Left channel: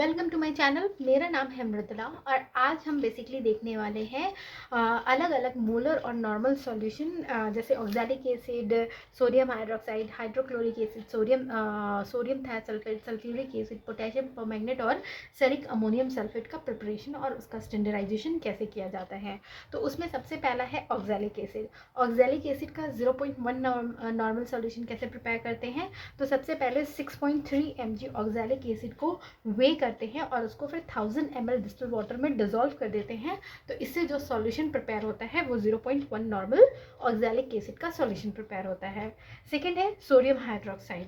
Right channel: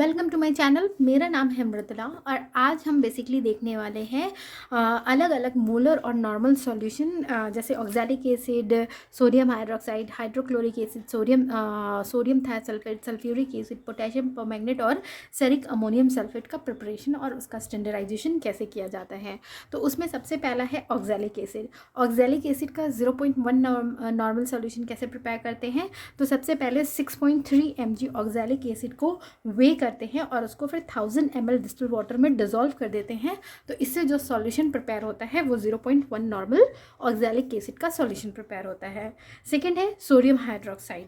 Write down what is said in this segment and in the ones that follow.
Welcome to my channel. मेरा नाम है मृदुला और आज हम बेसिकली देखने वाले हैं अलग अलग मोलर और नॉर्मल सॉल्यूशन जैसे oxalic acid, sodium hydroxide, hydrochloric acid, sodium thiosulphate, sulphuric acid, potassium permanganate और सेरिक अमोनियम सल्फेट का प्रिपरेशन और उसका स्टैंडर्डाइजेशन कैसे किया जाता है। तो उसमें सबसे पहला है ऑक्सैलिक एसिड। ऑक्सैलिक एसिड का 0.1 नॉर्मल सॉल्यूशन कैसे प्रिपेयर करते हैं। तो सबसे पहले 6.3 mg ऑक्सैलिक एसिड को वे करते हैं और उसको फिर 1000 ml डिस्टिल वाटर में डिजोल्व कर देते हैं। तो इससे जो सॉल्यूशन प्रिपेयर होता है वो 0.1 नॉर्मल ऑक्सैलिक एसिड का सॉल्यूशन प्रिपेयर होता है। सेकेंड है सोडियम हाइड्रोक्साइड।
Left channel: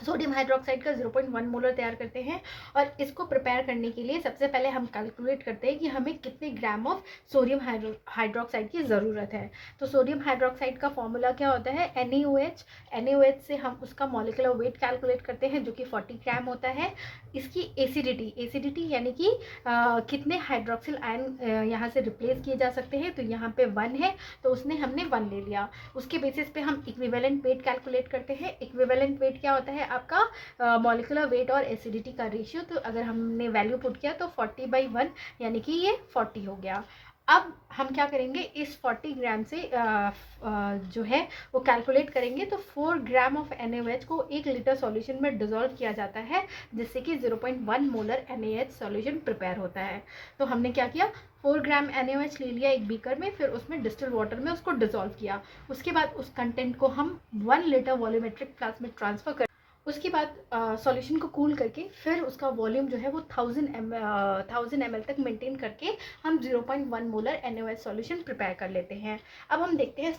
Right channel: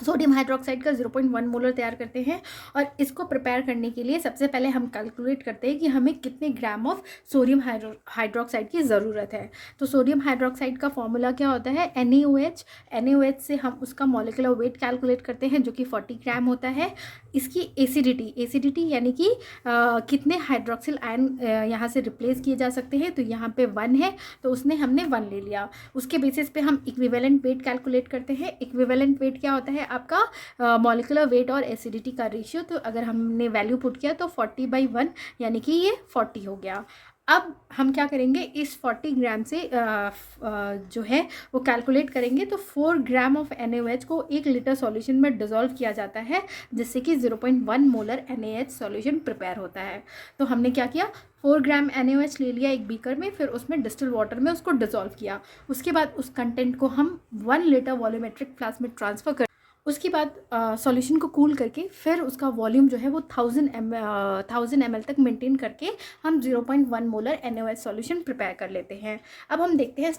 सोडियम हाइड्रोक्साइड का 0.1 मोलर तैयार करते हैं और इसको प्रिपेयर करने के लिए सबसे पहले हम कैलकुलेट करते हैं कि हमें कितने ग्राम ऑफ सोडियम हाइड्रोक्साइड की ज़रूरत है। तो सोडियम हाइड्रोक्साइड का फॉर्मूला क्या होता है, NaOH। NaOH से हम उसका मॉलिक्यूलर वेट कैलकुलेट करते हैं जो कि 40 ग्राम होता है। इसकी एसिडिटी यानी कि कितने हाइड्रोक्सिल आयन यहाँ से रिप्लेस किए जा सकते हैं। तो यहाँ पे 1 है तो हमने 1 ले लिया। उसके बेसिस पे हम इक्विवेलेंट वेट कैलकुलेट करते हैं। इक्विवेलेंट वेट क्या होता है, आपका मॉलिक्यूलर वेट और एसिडिटी का रेशियो। तो अगर हमने वैल्यू पुट किया तो 40/1 यानी कि ये 40 हो गया। अब हम क्या करेंगे, इस 40 ग्राम से जो है वो कैलकुलेट करेंगे। तो 4 ग्राम ऑफ NaOH को 1 लीटर सॉल्यूशन में डिजोल्व किया जाता है जिससे कि 0.1 मोलर NaH सॉल्यूशन प्रिपेयर होता है। तो हमने क्या किया, 4 ग्राम NaOH ले लिया एक बीकर में, फिर उसमें डिस्टिल वाटर में उसको डिजोल्व किया। उसके बाद उस कंटेंट को हम 1 लीटर वॉल्यूमेट्रिक फ्लास्क में ट्रांसफ़र कर, उसके बाद सॉल्यूशन को कूल करके फिर उसका वॉल्यूम जो है वो 1000 ml तक मेंटेन करके हम 0.1 मोलर NaOH सॉल्यूशन प्रिपेयर कर लेते हैं। अब हम देखते हैं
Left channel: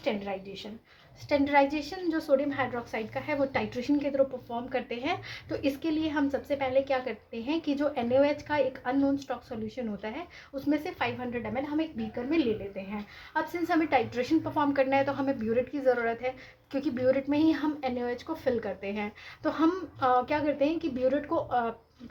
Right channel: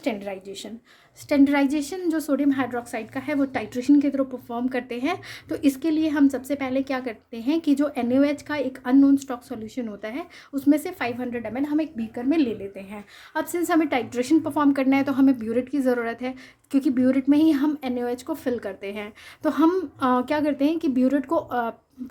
स्टैंडर्डाइजेशन जो सोडियम हाइड्रोक्साइड का है वो टाइट्रेशन के थ्रू परफॉर्म करते हैं। तो इसके लिए हम सबसे पहले क्या करते हैं कि जो NaOH का एक अननोन स्टॉक सॉल्यूशन होता है उसमें से 500 ml हम एक बीकर में ले लेते हैं। अब सिंस हमें टाइट्रेशन परफॉर्म करना है तो हमें ब्यूरेट की ज़रूरत है, क्योंकि ब्यूरेट में ही हम NaOH को फिल करते हैं। तो हम क्या करते हैं कि ब्यूरेट को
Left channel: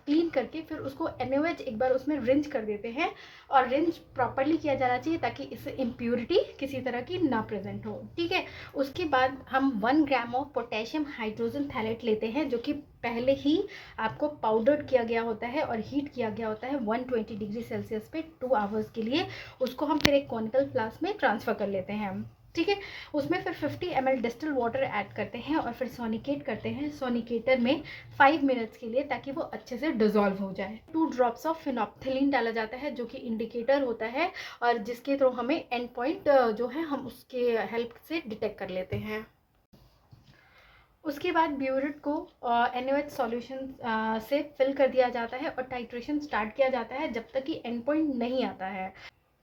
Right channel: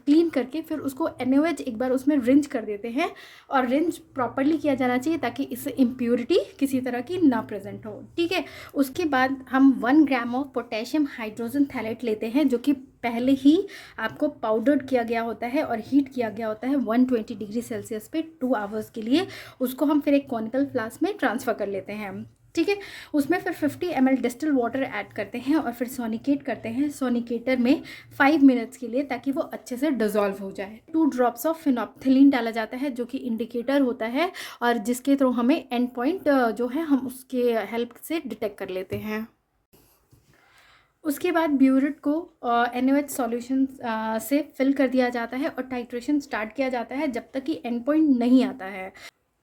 क्लीन करके फिर उसको NaOH एक बार उसमें रिंज कर देते हैं। और रिंज प्रॉपरली किया जाना चाहिए ताकि इससे इम्प्योरिटी किसी तरह की ना प्रेजेंट हो। ठीक है, उसके बाद हम 1 gram of potassium hydrogen phthalate लेते हैं जो कि पहले ही आपको पाउडर्ड किया गया होता है और हीट किया गया होता है 120 डिग्री सेल्सियस पे 2 आवर्स के लिए। उसको हम फिर एक कॉनिकल फ्लास्क में ट्रांसफ़र कर लेते हैं। ठीक है, उसमें फिर 50 ml डिस्टिल वाटर ऐड करते हैं और फिर सोनिकेट करते हैं सोनिकेटर में 5 मिनट्स के लिए ताकि वो अच्छे से डिज़ोल्व हो जाए। 2 ड्रॉप्स ऑफ फिनोप्थिलीन डाला जाता है जो कि इंडिकेटर होता है और जिसके थ्रू हमें एंड पॉइंट जो है हम उसके हेल्प से डिटेक्ट कर लेते हैं। उसके बाद ब्यूरेट को NaOH सॉल्यूशन से फिल कर दिया जाता है और टाइट्रेशन स्टार्ट किया जाता है जब तक कि एंड पॉइंट नहीं आता है।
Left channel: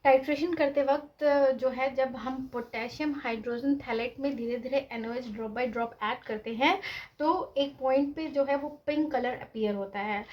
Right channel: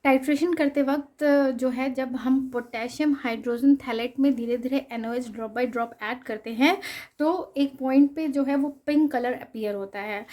टाइट्रेशन करते वक्त जो है जब हम पोटेशियम हाइड्रोजन थैलेट में धीरे धीरे NaOH drop by drop add करते हैं तो एक पॉइंट पे जो है वो पिंक कलर अपीयर होता है।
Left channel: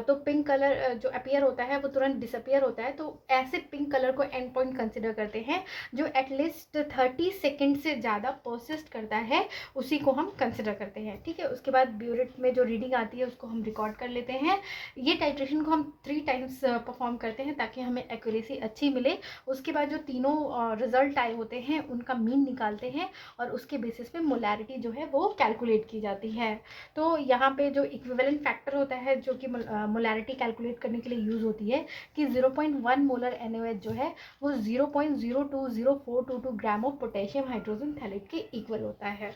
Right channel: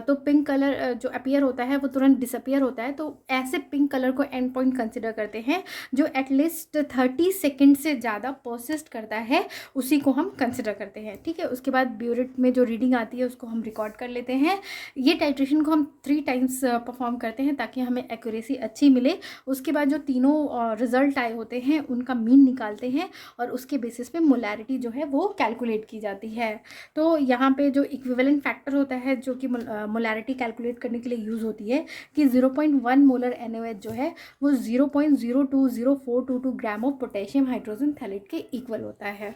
तो पिंक कलर जो अपीयर होता है वो तुरंत डिसअपीयर होता है। तो ऐसे पिंक कलर को एंड पॉइंट कंसिडर करते हैं। जो एटलीस्ट 30 सेकेंड से ज़्यादा परसिस्ट करता है उसी को हम कंसिडर करते हैं। ठीक है, उसके बाद ब्यूरेट में जो रीडिंग आती है उसको हम रिकॉर्ड कर लेते हैं। ये टाइट्रेशन को हम 3 टाइम्स परफॉर्म करते हैं ताकि हमें एक्यूरेसी अच्छी मिले। उसके बाद जो तीनों रिजल्ट आए होते हैं उनका मीन निकालते हैं और उसके बेसिस पे मोलैरिटी जो है वो कैलकुलेट की जाती है। तो यहाँ पे जो इक्विवेलेंट फैक्टर होता है जो कि मोलैरिटी कैलकुलेट करने के लिए यूज़ होती है कि 0.1 मोलर NaOH जो है वो 0.0204222 gram of potassium hydrogen phthalate के इक्वल होता है।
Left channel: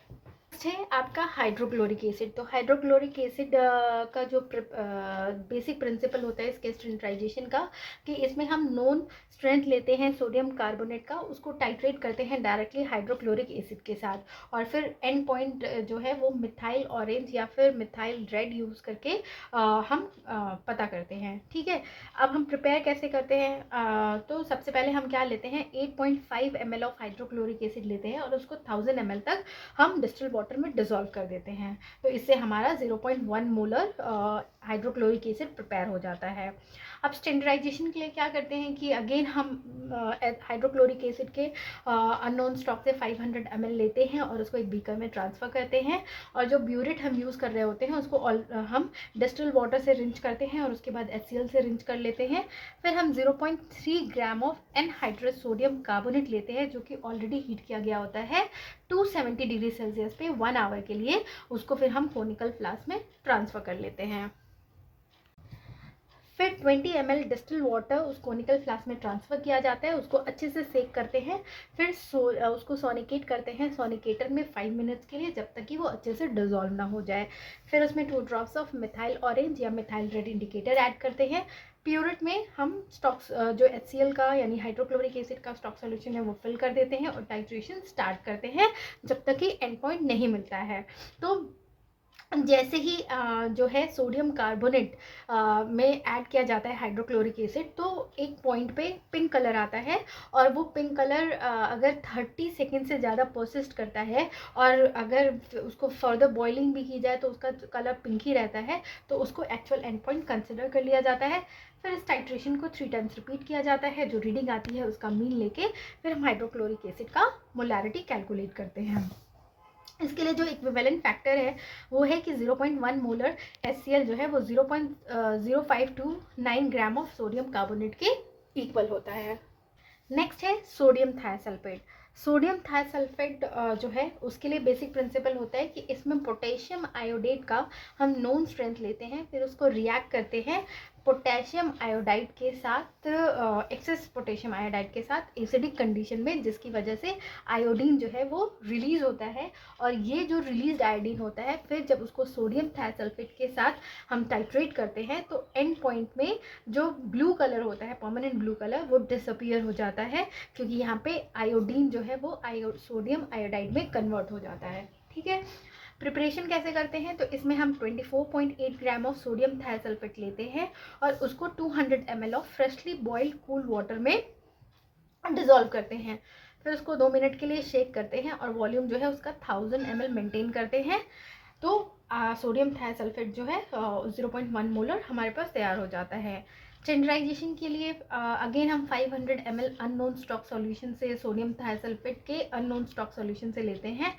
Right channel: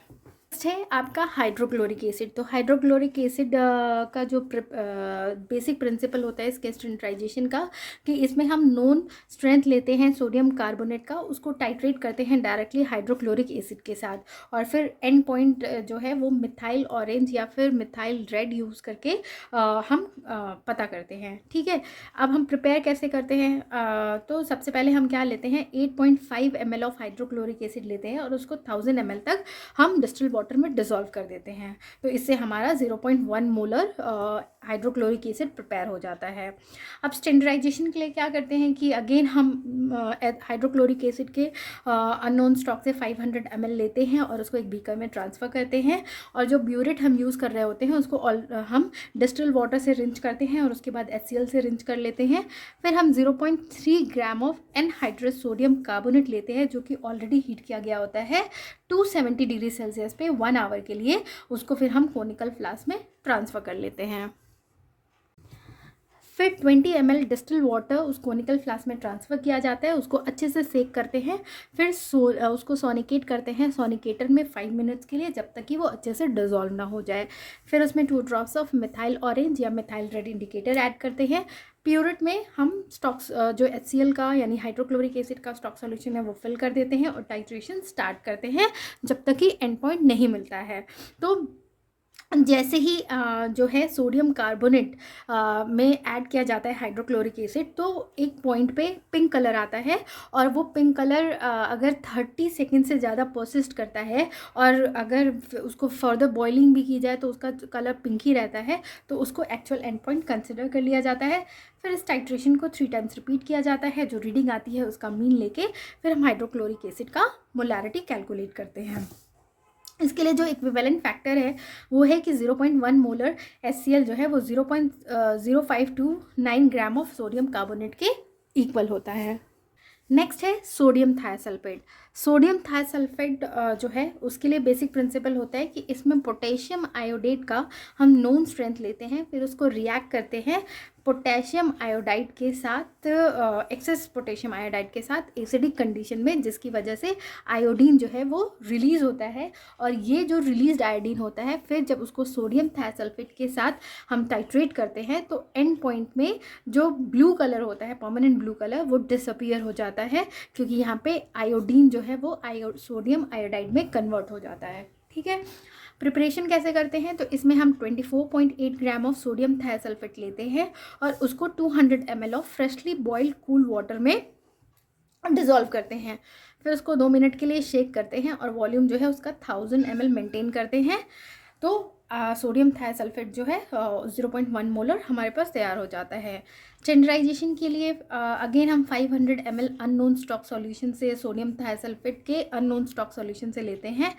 नेक्स्ट है आपका हाइड्रोक्लोरिक एसिड। तो हाइड्रोक्लोरिक एसिड का जो बेसिक प्रिंसिपल होता है इसके स्टैंडर्डाइजेशन का कि इसमें हम नॉन स्ट्रेंथ लेते हैं सोडियम कार्बोनेट का, उसको टाइट्रेट करते हैं डायरेक्टली हाइड्रोक्लोरिक एसिड के साथ और फिर एंड पॉइंट जो है वो मिथाइल ऑरेंज या फिर मिथाइल रेड यूज़ करके हम पता करते हैं। ठीक है, अब हम प्रिपेयर कैसे करते हैं। तो सबसे पहले हम क्या लेते हैं, 8.5 ml ऑफ हाइड्रोक्लोरिक एसिड लेते हैं और उसको 1000 ml तक हम डिस्टिल वाटर में डिज़ोल्व कर देते हैं। तो इससे हमारा 0.1 मोलर हाइड्रोक्लोरिक एसिड प्रिपेयर हो जाता है। अब स्टैंडर्डाइजेशन के लिए क्या करते हैं कि अगेन हम हाइड्रोक्लोरिक एसिड के अननोन स्टॉक से 500 ml लेते हैं और उसको एक बीकर में ट्रांसफ़र करते हैं और जो ब्यूरेट हम यूज़ कर रहे होते हैं उसको हम डिस्टिल वाटर से रिंच करते हैं और उसके बाद HCl से रिंच कर लेते हैं। फिर हम 0.3 gram of anhydrous sodium carbonate लेते हैं जो कि ऑलरेडी हीट किया गया होता है 270 डिग्री सेल्सियस पे 1 आवर के लिए। उसको फिर हम कोनिकल फ्लास्क में ट्रांसफ़र कर लेते हैं। फिर 20 ml डिस्टिल वाटर उस कोनिकल फ्लास्क में ट्रांसफ़र किया जाता है, उसको अच्छे से सेक करते हैं, फिर उसको सोनिकेट करते हैं सोनिकेटर में 5 मिनट्स के लिए, जब तक कि वो अच्छे से डिज़ोल्व ना हो जाए। फिर उसमें 2 ड्रॉप्स ऑफ मिथाइल ऑरेंज या मिथाइल रेड इंडिकेटर ऐड करते हैं। प्यूरिट में हम स्टॉक्स जो HCl का यानी हाइड्रोक्लोरिक एसिड का स्टॉक सॉल्यूशन है वो फिल कर देते हैं और टाइट्रेशन स्टार्ट करते हैं जब तक कि एंड पॉइंट नहीं मिलता है। तो जैसे ही जो है सोडियम कार्बोनेट में ऐड किया जाता है हाइड्रोक्लोरिक एसिड, तो एक पॉइंट पे पिंक कलर आता है, और वो पिंक कलर अगर 30 सेकेंड से ज़्यादा परसिस्ट करता है और अगर उसको फर्दर बॉइलिंग भी की जाए तो उसका कलर पिंक ही रहता है, तो उसको एक्चुअल एंड पॉइंट कंसिडर कर लिया जाता है। फिर इस टाइट्रेशन को 3 टाइम्स रिपीट किया जाता है, जो रीडिंग आती है उसका मीन लेके फिर हम हाइड्रोक्लोरिक एसिड का मोलारिटी कैलकुलेट करते हैं। इसके लिए जो इक्विवेलेंट फैक्टर है वो है कि 0.1 मोलर HCl जो है वो 0.0529 ग्राम ऑफ सोडियम कार्बोनेट के इक्वल होता है। नेक्स्ट है सोडियम थायोसल्फेट। सोडियम थायोसल्फेट जो है उसके लिए बेसिक प्रिंसिपल होता है कि इसमें पोटेशियम आयोडेट का हम नोन स्ट्रेंथ लेते हैं, फिर उसको रिएक्ट करते हैं पोटेशियम आयोडाइड के साथ, एक्सेस पोटेशियम आयोडाइड के साथ एसिडिक कंडीशन में, जिसकी वजह से आयोडीन जो है वो रिलीज़ होता है। और ये जो रिलीज्ड आयोडीन होता है फिर जब उसको सोडियम थायोसल्फेट के साथ हम टाइट्रेट करते हैं तो एंड पॉइंट में जो ब्लू कलर होता है, परमानेंट ब्लू कलर, वो डिसअपियर हो जाता है, क्योंकि यहाँ पे आयोडीन जो है वो सोडियम आयोडाइड में कन्वर्ट हो जाता है। ठीक है, प्रिपरेशन कैसे करते हैं, तो इसमें हम 24.8 ग्राम ऑफ सोडियम थायोसल्फेट लेते हैं और उसको 200 ml of freshly boiled cool water में डिज़ोल्व करते हैं। फिर उसको 2 मिनट के लिए शेक करते हैं और वॉल्यूम जो है उसका 1000 ml मेंटेन करते हैं। तो सोडियम थायोसल्फेट जो है 0.1 मोलर हमारे पास तैयार हो जाता है। स्टैंडर्डाइजेशन के लिए अगेन हम 500 ml अननोन स्टॉक सॉल्यूशन से सोडियम थायोसल्फेट के अननोन स्टॉक सॉल्यूशन से लेते हैं।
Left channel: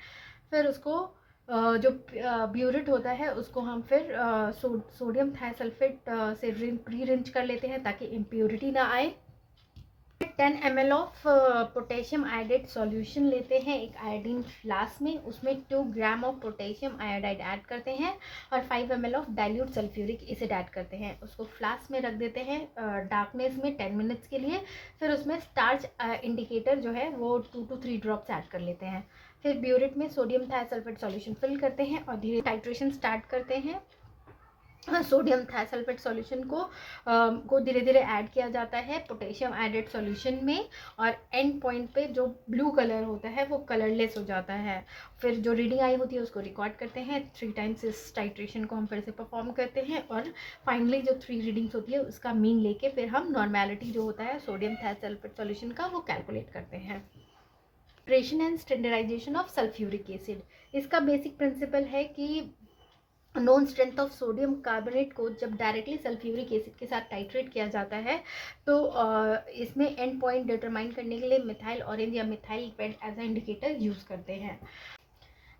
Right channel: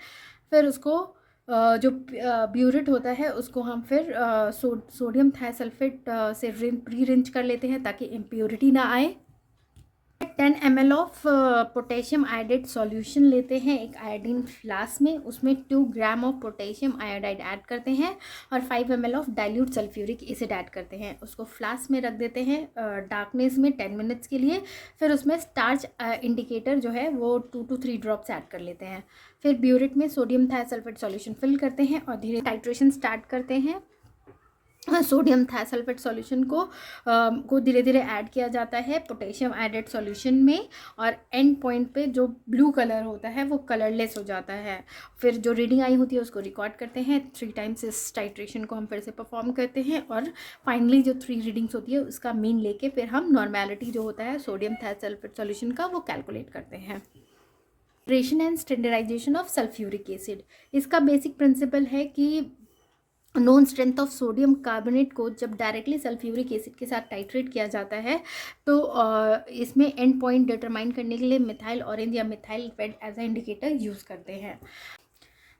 फिर उसको जो ब्यूरिट होता है उसको हम फिर सोडियम थायोसल्फेट से प्री रिंच कर लेते हैं ताकि इम्प्योरिटी ना आए। 10 ml of potassium iodate solution लेते हैं एक आयोडीन फ्लास्क में, उसमें 2 gram of potassium iodide add करते हैं और 5 ml of dilute sulphuric acid add करते हैं। उसको फ्लास्क में रख देते हैं डार्कनेस में 10 मिनट्स के लिए। फिर उसमें स्टार्च इंडिकेटर जो है वो 2 to 3 ड्रॉप्स ऐड कर लेते हैं। फिर ब्यूरिट में सोडियम थायोसल्फेट सॉल्यूशन फिल करते हैं और धीरे टाइट्रेशन स्टार्ट करते हैं। सोडियम थायोसल्फेट सॉल्यूशन को धीरे धीरे ऐड किया जाता है पोटेशियम आयोडेट सॉल्यूशन में, और एंड पॉइंट पे जो ब्लू कलर होता है वो कलरलेस हो जाता है। फिर जो रीडिंग आई होती है उसको रिकॉर्ड करते हैं, 3 टाइम्स इस टाइट्रेशन को हम फिर से परफॉर्म करते हैं और फाइनली जो 3 रीडिंग्स होती है उसका मीन लेके फिर हम नॉर्मेलिटी जो होता है सोडियम थायोसल्फेट सॉल्यूशन का वो कैलकुलेट करते हैं। Preparation and standardisation of sulphuric acid. इसका बेसिक प्रिंसिपल है कि known strength of sodium carbonate को जब डायरेक्टली सल्फ्यूरिक एसिड के साथ टाइट्रेट किया जाता है तो इसमें एंड पॉइंट डिटरमाइन करने के लिए मिथाइल ऑरेंज या methyl red as a indicator use करते हैं।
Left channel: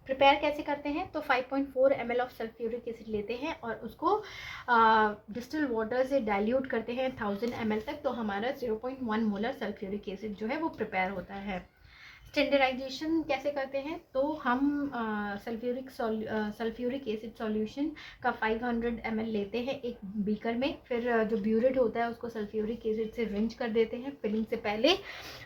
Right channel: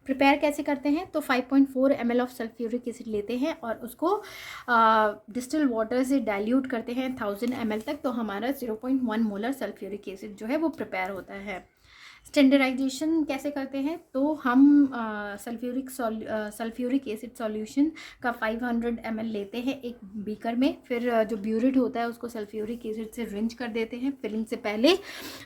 प्रिपेयर कैसे करते हैं, तो 5.4 ml ऑफ सल्फ्यूरिक एसिड लेते हैं और उसको डिस्टिल वाटर से डाइल्यूट करते हैं 1000 ml तक, तो हमारा 0.1 मोलर सल्फ्यूरिक एसिड जो है वो प्रिपेयर होता है। स्टैंडर्डाइजेशन कैसे करते हैं, तो हम सल्फ्यूरिक एसिड सॉल्यूशन का 500 ml लेते हैं एक बीकर में। फिर जो ब्यूरिट होता है उसको सल्फ्यूरिक एसिड से रिंच कर देते हैं फिलिंग से पहले।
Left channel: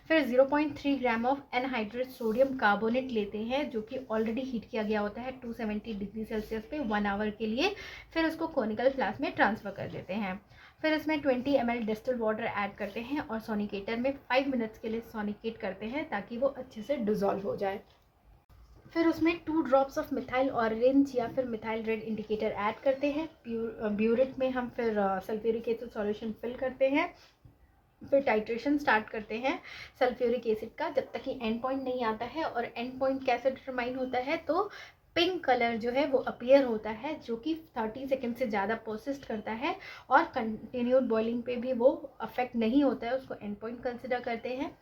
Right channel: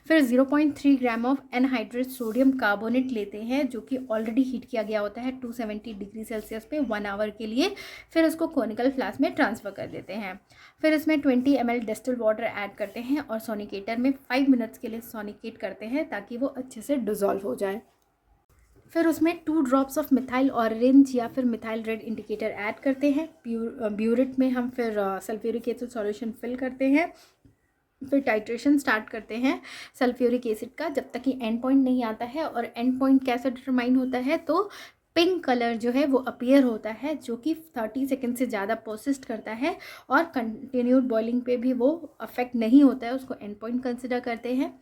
फिर 0.3 gram of anhydride sodium carbonate लेते हैं जो कि ऑलरेडी हीट किया गया होता है 270 डिग्री सेल्सियस पे 1 आवर के लिए। फिर उसको कोनिकल फ्लास्क में ट्रांसफ़र कर देते हैं। फिर इसमें 20 ml डिस्टिल वाटर ऐड करते हैं और सोनिकेटर में 5 मिनट्स के लिए सोनिकेट करते हैं ताकि वो अच्छे से डिज़ोल्व हो जाए। फिर उसमें 2 ड्रॉप्स ऑफ मिथाइल ऑरेंज या फिर मिथाइल रेड इंडिकेटर ऐड करते हैं। ब्यूरिट में हम फिर सल्फ्यूरिक एसिड सॉल्यूशन फिल करते हैं। फिर टाइट्रेशन स्टार्ट करते हैं सल्फ्यूरिक एसिड का जब तक कि एंड पॉइंट नहीं आता है। और एंड पॉइंट कैसे डिटरमाइन होता है, तो पिंक कलर जो है वो अपीयर होता है जो कि 30 सेकेंड से ज़्यादा परसिस्ट करता है और कंटिन्यूड बॉइलिंग पे भी वो अफेक्ट नहीं होता है, उसको एंड पॉइंट कंसिडर करते हैं।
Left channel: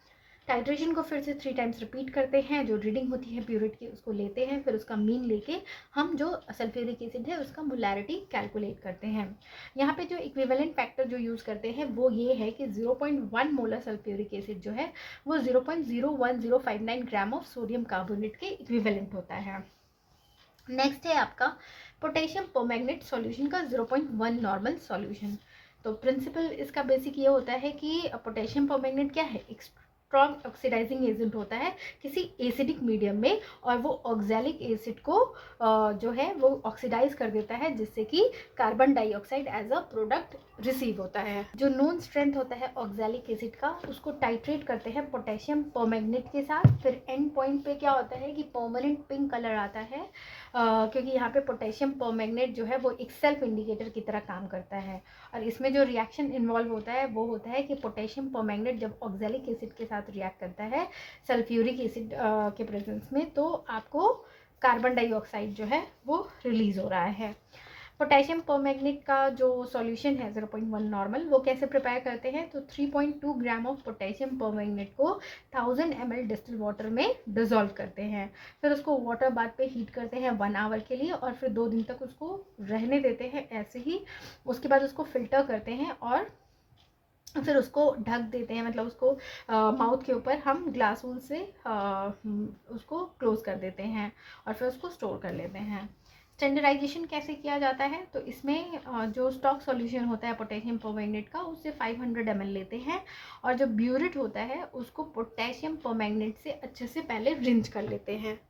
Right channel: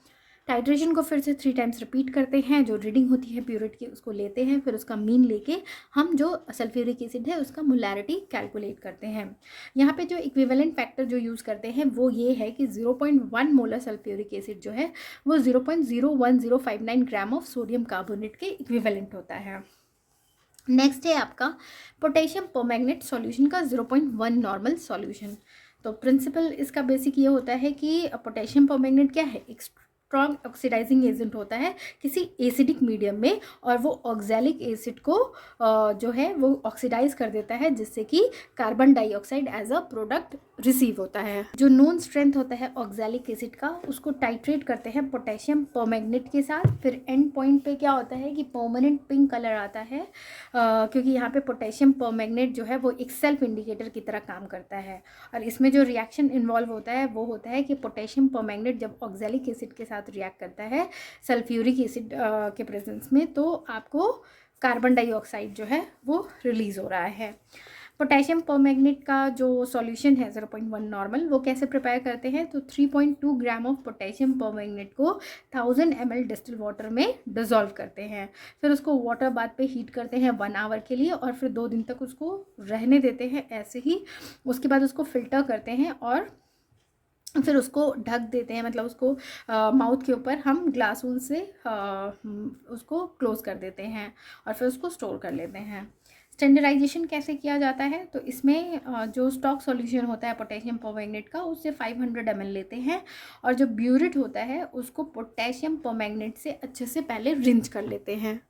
टाइट्रेशन को फिर से 3 टाइम्स रिपीट करते हैं, जो रीडिंग होती है प्यूरिट की उसको लेते हैं, फिर उसका मीन लेके हम जो सल्फ्यूरिक एसिड है उसका मोलैरिटी कैलकुलेट करते हैं। यहाँ पे जो इक्विवेलेंट फैक्टर जो यूज़ करते हैं वो ये है कि 0.1 मोलर सल्फ्यूरिक एसिड जो है वो 0.01059 ग्राम ऑफ सोडियम कार्बोनेट के इक्विवेलेंट होता है। नेक्स्ट है आपका पोटेशियम परमैंगनेट सॉल्यूशन का 0.1 नॉर्मल सॉल्यूशन। तो प्रिंसिपल इसका बेसिक ये होता है कि पोटेशियम परमैंगनेट क्या है, एक स्ट्रॉन्ग ऑक्सीडाइजिंग एजेंट होता है किसी एसिडिक मीडियम में, और वो ऑक्सैलिक एसिड को जो है वो ऑक्सीडाइज कर देता है, जिससे कि carbon dioxide as a product receive होता है। जो नोन स्ट्रेंथ होता है ऑक्सैलिक एसिड का, उसको टाइट्रेट करते हैं पोटेशियम परमैंगनेट के साथ। फिर एंड पॉइंट पे क्या होता है कि परमानेंट पिंक कलर आता है, क्योंकि यहाँ पे पोटेशियम परमैंगनेट जो है वो एक सेल्फ इंडिकेटर की तरह काम करता है। और इसमें जो रिएक्शन इन्वॉल्व होता है वो होता है कि पोटेशियम परमैंगनेट जब ऑक्सैलिक एसिड के साथ रिएक्ट करता है सल्फ्यूरिक एसिड के प्रेजेंस में, तो आपको कार्बन डाइऑक्साइड जो है वो रिलीज़ हो रहा है। पोटेशियम परमैंगनेट का जो सॉल्यूशन है 0.1 नॉर्मल, वो कैसे प्रिपेयर करते हैं, तो 3.2 ग्राम ऑफ पोटेशियम परमैंगनेट को 1000 ml डिस्टिल वाटर में डिज़ोल्व करते हैं। फिर उसको वाटर बाथ पे हीट करते हैं 1 आवर के लिए, और फिर 2 दिन तक उसको रहने देते हैं ऐसे ही। उसके बाद उसको फ़िल्टर करते हैं और फिर उसको ढक देते हैं, मतलब उसको माउथ के ऊपर हम ग्लास वूल से उसको क्लोज़ कर देते हैं और फिर उसको स्टोर कर लेते हैं। स्टैंडर्डाइजेशन कैसे किया जाता है, तो इसमें जो स्टॉक सॉल्यूशन होता है पोटेशियम परमैंगनेट का, उससे 500 ml लेते हैं, और जो ब्यूरेट होता है उसको पोटेशियम परमैंगनेट से अच्छे से पहले रिंच कर लेते हैं।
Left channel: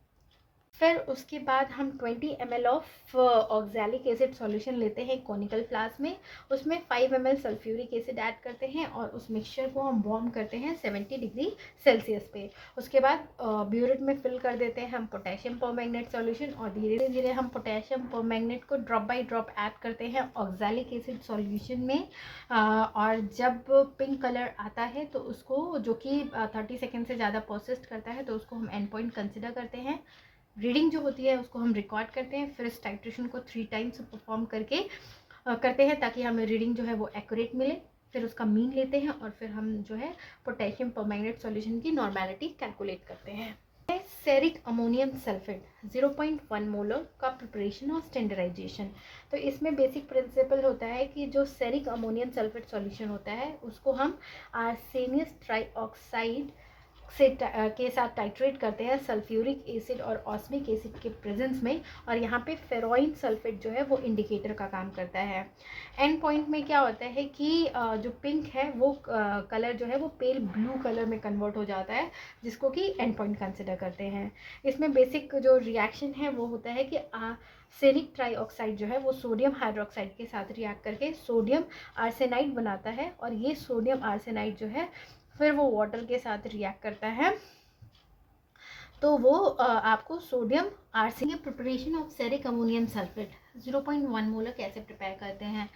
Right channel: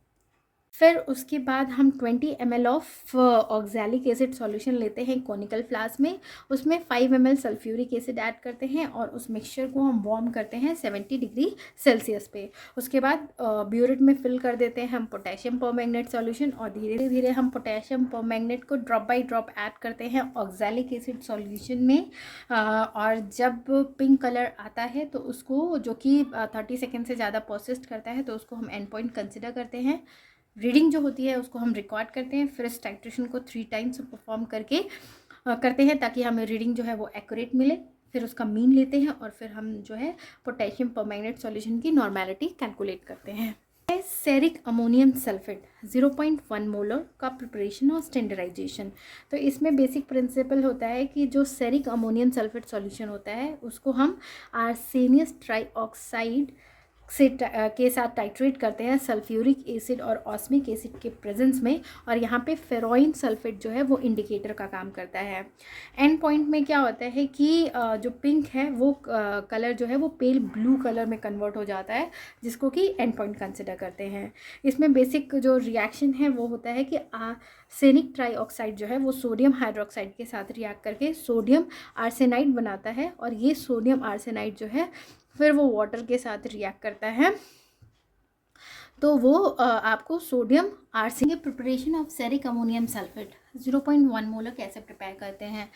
फिर उसके बाद हम 20 ml of oxalic acid solution लेते हैं कॉनिकल फ्लास्क में, उसमें 5 ml सल्फ्यूरिक एसिड ऐड करते हैं और उस मिक्सचर को हम वार्म करते हैं 70 डिग्री सेल्सियस पे। उसके बाद ब्यूरेट में फिल कर देते हैं हम पोटेशियम परमैंगनेट सॉल्यूशन, और धीरे धीरे हम पोटेशियम परमैंगनेट को ड्रॉप बाय ड्रॉप ऐड करते हैं ऑक्सैलिक एसिड सॉल्यूशन में। और जब पिंक कलर आता है तो उसको, जो कि 30 सेकेंड से ज़्यादा प्रोसेस्ड करता है, तो उसको हम एंड पॉइंट कंसिडर करते हैं। रीडिंग जो होती है उसको हम रिकॉर्ड करते हैं, फिर इस टाइट्रेशन को 3 टाइम्स परफॉर्म करके करते हैं ताकि हमें रीडिंग जो है वो एक्यूरेट मिले। फिर उसका मीन लेते हैं और फिर हम जो है पोटेशियम परमैंगनेट सॉल्यूशन की नॉर्मेलिटी कैलकुलेट करते हैं। सेरिक अमोनियम सल्फेट 0.1 मोलर का प्रिपरेशन और स्टैंडर्डाइजेशन। तो इसमें बेसिक प्रिंसिपल होता है कि जो सेरिक अमोनियम सल्फेट सॉल्यूशन होता है उसको हम आर्सेनियस ट्राइऑक्साइड से के साथ टाइट्रेट करते हैं सल्फ्यूरिक एसिड और ऑस्मिक एसिड के प्रेजेंस में, और यहाँ पे फेरोइन सल्फेट जो है वो इंडिकेटर का काम करता है। एंड पॉइंट में क्या होता है कि जो पिंक है वो कलर जो है वो पेल ब्लू कलर में कन्वर्ट हो जाता है, जिसको कि एंड पॉइंट कंसिडर करते हैं। इसमें बेसिक जो रिएक्शन है वो होता है कि आर्सेनिक ट्राइऑक्साइड जो है वो सोडियम हाइड्रोक्साइड के साथ रिएक्ट करके सोडियम आर्सेनाइड बनाता है, और ये सोडियम आर्सेनाइड जो है फिर वो वाटर के साथ रिएक्ट करता है, तो वो आपको sodium arsenic. Preparation of ceric ammonium sulphate 0.1 molar कैसे प्रिपेयर करते हैं,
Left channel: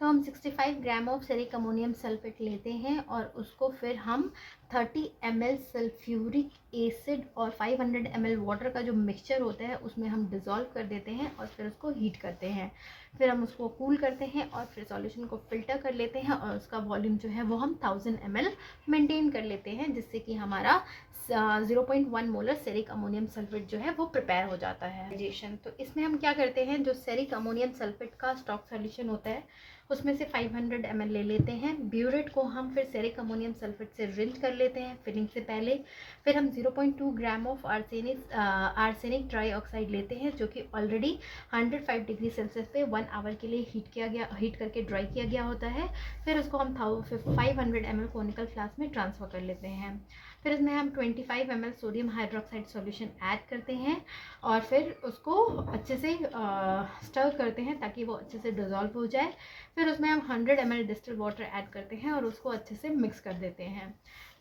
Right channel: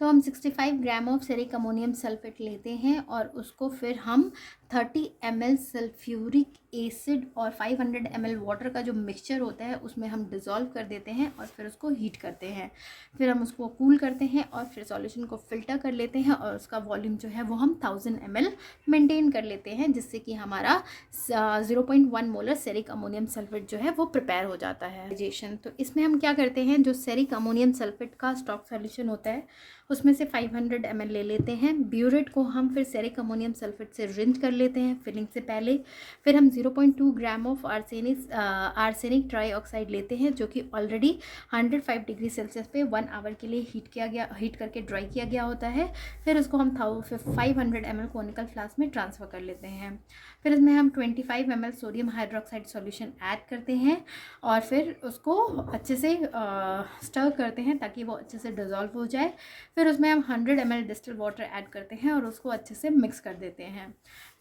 तो हम 65 gram of ceric ammonium sulphate लेते हैं और उसको फिर हम 30 ml सल्फ्यूरिक एसिड और 500 ml वाटर का जो मिक्सचर होता है उसमें हम डिज़ोल्व कर देते हैं और फिर उसको हीट करते हैं। फिर हम उसको कूल करते हैं और फिर सॉल्यूशन को फिल्टर कर लेते हैं, और उसका वॉल्यूम जो है वो हम 1000 ml मेंटेन कर लेते हैं, जिससे कि हमारा 0.1 मोलर सेरिक अमोनियम सल्फेट जो है वो प्रिपेयर हो जाता है। तो इसमें हम क्या करते हैं, जो सेरिक अमोनियम सल्फेट का स्टॉक सॉल्यूशन होता है उसमें से 500 ml ले लेते हैं। ब्यूरेट को हम फिर सेरिक अमोनियम सल्फेट से रिंच कर लेते हैं फिलिंग से पहले। फिर हम 0.2 ग्राम ऑफ आर्सेनिक ट्राइऑक्साइड लेते हैं, जो कि ऑलरेडी 105 डिग्री सेल्सियस पे 1 आवर के लिए हीट करके ड्राई किया गया होता है। फिर उसको हम 500 ml कॉनिकल फ्लास्क में ट्रांसफ़र कर लेते हैं। फिर इसमें हम 25 ml sodium hydroxide solution add करते हैं और फिर उसको अच्छे से स्टर करते हैं ताकि वो अच्छे से डिज़ोल्व हो जाए। फिर उसमें हम 100 ml डिस्टिल वाटर ऐड करते हैं और उसको अच्छे से मिक्स कर देते हैं।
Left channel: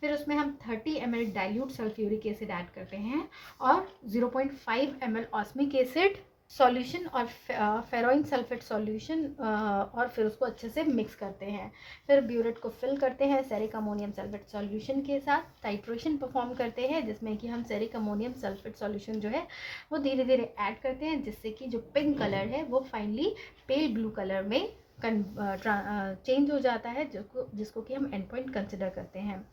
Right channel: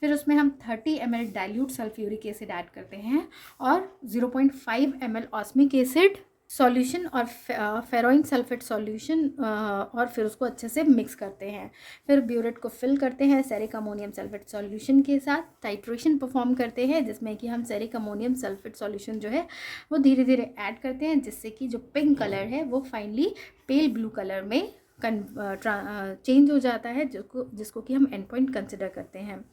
फिर उसमें हम 30 ml dilute sulphuric acid add करते हैं और 0.5 ml ऑस्मिक एसिड सॉल्यूशन और फेरोइन सल्फेट सॉल्यूशन, और फिर उसको अच्छे से मिक्स करते हैं। फिर ब्यूरेट को फिल करते हैं सेरिक अमोनियम सल्फेट सॉल्यूशन के साथ, टाइट्रेशन परफॉर्म करते हैं जिसमें कि हम सेरिक अमोनियम सल्फेट सॉल्यूशन जो है वो धीरे धीरे ऐड करते हैं, जिससे कि जो पिंक कलर है वो फाइनली पेल ब्लू कलर में चेंज हो जाता है, जिसको कि हम एंड पॉइंट कंसिडर करते हैं।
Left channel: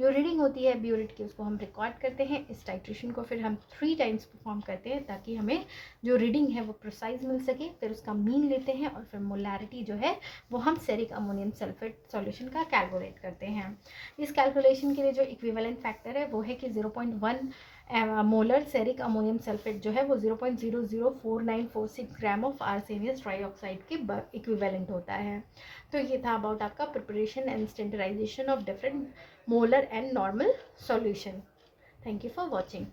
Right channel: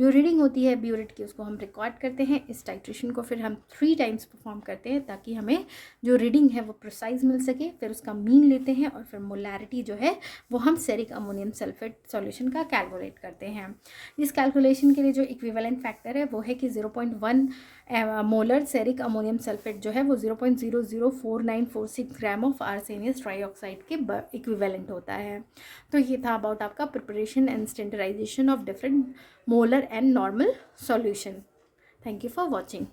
जो रीडिंग होती है ब्यूरेट की उसको हम रिकॉर्ड करते हैं। इस टाइट्रेशन को फिर हम 3 टाइम्स परफॉर्म करते हैं ताकि हमें जो रीडिंग है वो प्रिसाइज मिल सके। फिर उसका मीन लेते हैं और फिर मोलैरिटी जो है वो हम सेरिक अमोनियम सल्फेट सॉल्यूशन का कैलकुलेट करते हैं। इस कैलकुलेशन के लिए जो इक्विवेलेंट फैक्टर है वो है कि 0.1 मोलर सेरिक अमोनियम सल्फेट जो है वो 0.004946 ग्राम ऑफ आर्सेनियस ट्राईऑक्साइड के इक्विवेलेंट होता है। तो ये था अबाउट आपका preparation and standardisation of different molar and normal solution. Thank you for watching.